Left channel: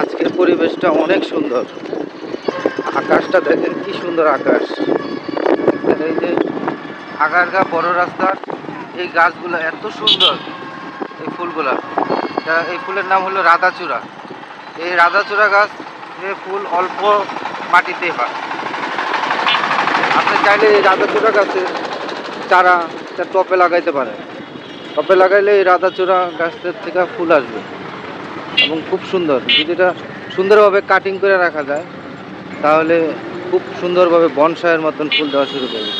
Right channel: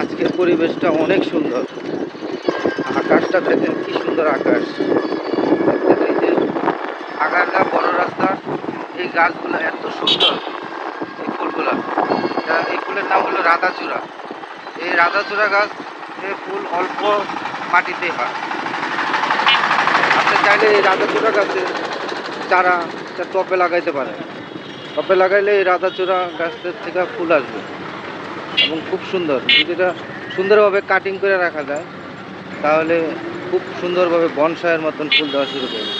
আজকের পরিবেশটা অনেক সুন্দর। আকাশটা দেখেন কি সুন্দর আকাশ। আগারগা বড় রাস্তা, এই গাছগুলো এত সুন্দর, এই ফুলগুলা। এই ফুলের নাম হলো রাধাচূড়া। এই রাধাচূড়া গাছ ফুল অল্প মাটিতে হয়। আপনি চাইলে এই রাধাচূড়া গাছে চারা টপে লাগাইতে পারেন। টপে লাগাইলে এই রাধাচূড়া গাছের থেকে ফুল আসবে। এবং খুব সুন্দর। যদি এটা সুন্দরভাবে কাটিং করে রাখা যায়, তাহলে খুব সুন্দরভাবে বনসায়ের মতন ফুল দেওয়া শুরু করবে।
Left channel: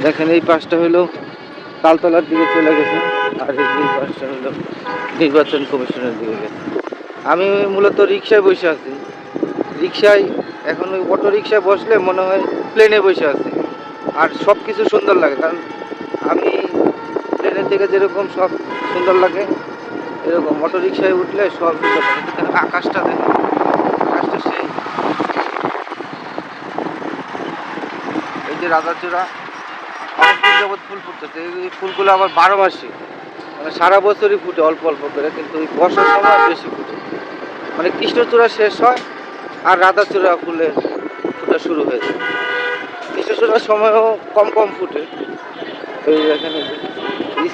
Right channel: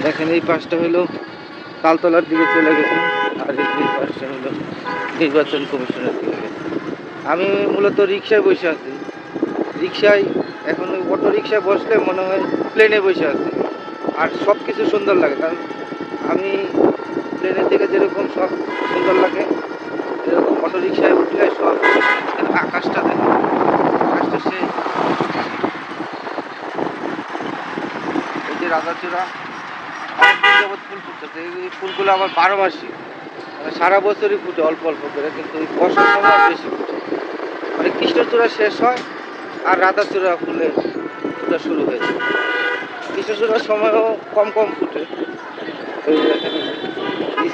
দেখেন এই পাশটা হলো তালতলার দিকে চলে গেছে। আর এই পাশটা হলো নির্বাচন কমিশনের দিকে। আমি মূলত রিক্সায় বসে আছি। রিক্সায় এখন ওই অটো রিক্সায় বসলে মনে হয় প্লেনে বসে আছি। আর সব কিছু সুন্দর লাগে। কারণ আমি প্লেনের থেকে যেরকম সব সুন্দর লাগে এরকম অটো রিক্সায় উঠলে সব আকাশটা দেখে, আকাশটা সেই। এই যে রাধাচূড়া, অনেকদিন যাবৎ ফুল ফুটতেছে। এই ফুলগুলো আবার বারো মাসে মানে সারা বছরই ফুটে, অল্প অল্প করে, কিন্তু বর্ষার সময় বেশি ফুটে। মানে কৃষ্ণচূড়া শেষ হয় আর রাধাচূড়া ফুলে শুরু হয়ে যায় কৃষ্ণচূড়ার সময়ও কম কম ফুটে। ওই এখানে।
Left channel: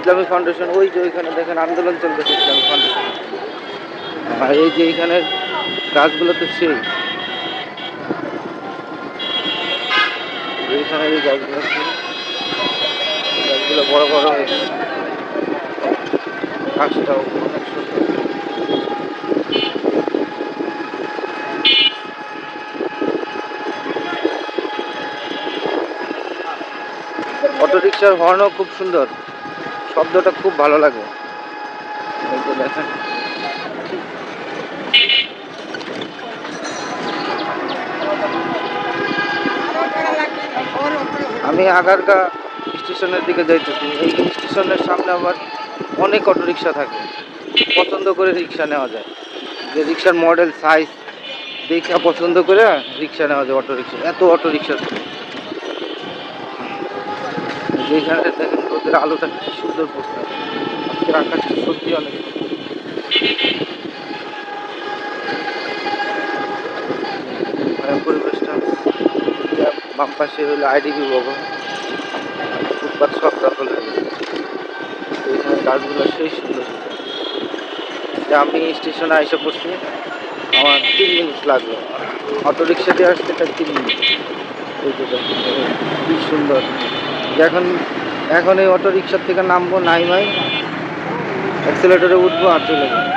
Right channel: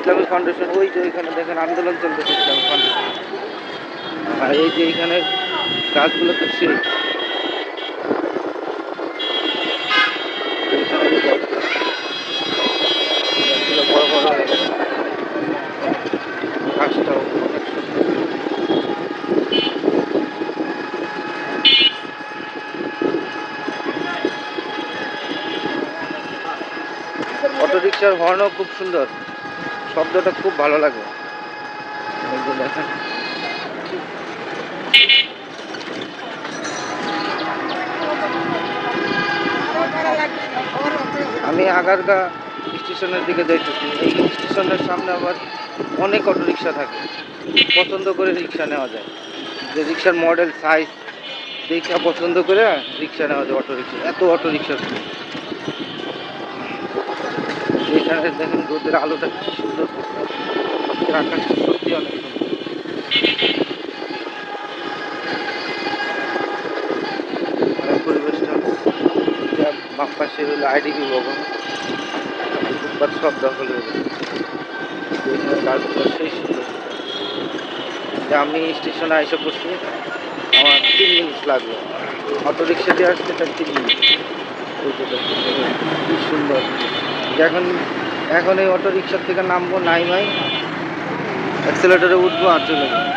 ইসলামী ফাউন্ডেশন, ওই যে ওইখানে দেখেন আন্দোলন চলতেছে ইসলামী ফাউন্ডেশন। আর এই যে এখানে গাছগুলো তো সেই। এইখানে যে গাছগুলো গাছগুলো হয়ে গেছে। গাছটাও অনেক সুন্দর অটো রিক্সার হর্নও খুব সুন্দর। শব্দটা খুব ভালো লাগে। আমি আগারগা স্টেশনের দিকে যাইতেছি। এই স্টেশনের সামনে আবার অনেক অটো রিক্সা থাকে। পছন্দ করে রিক্সা নেওয়া যায়। যে রিক্সার মডেল, সাইজ, দেখে পছন্দ করে রিক্সা নেওয়া যায় অটো রিক্সা এত অটো রিক্সা দেখেন রোদের আলোটা কি সুন্দর আজকের আকাশটা সত্যি অনেক। পরিবেশটা বাম পাশে হলো আইডিবি ভবন ফুটপাত সব দখল হয়ে গেছে গাছগুলো সেই সুন্দর আমি স্টেশনে এসে পড়ছি আমার তিন মিনিট লাগল অটো রিক্সা দিয়ে আসতে তার তিন মিনিট এই যে দেখেন, কি সুন্দর। এখন এখন এই অটো রিক্সার থেকে নামবো নাই ভাই। অ্যাক্সেলেটারে উঠবো আর চলে যাব।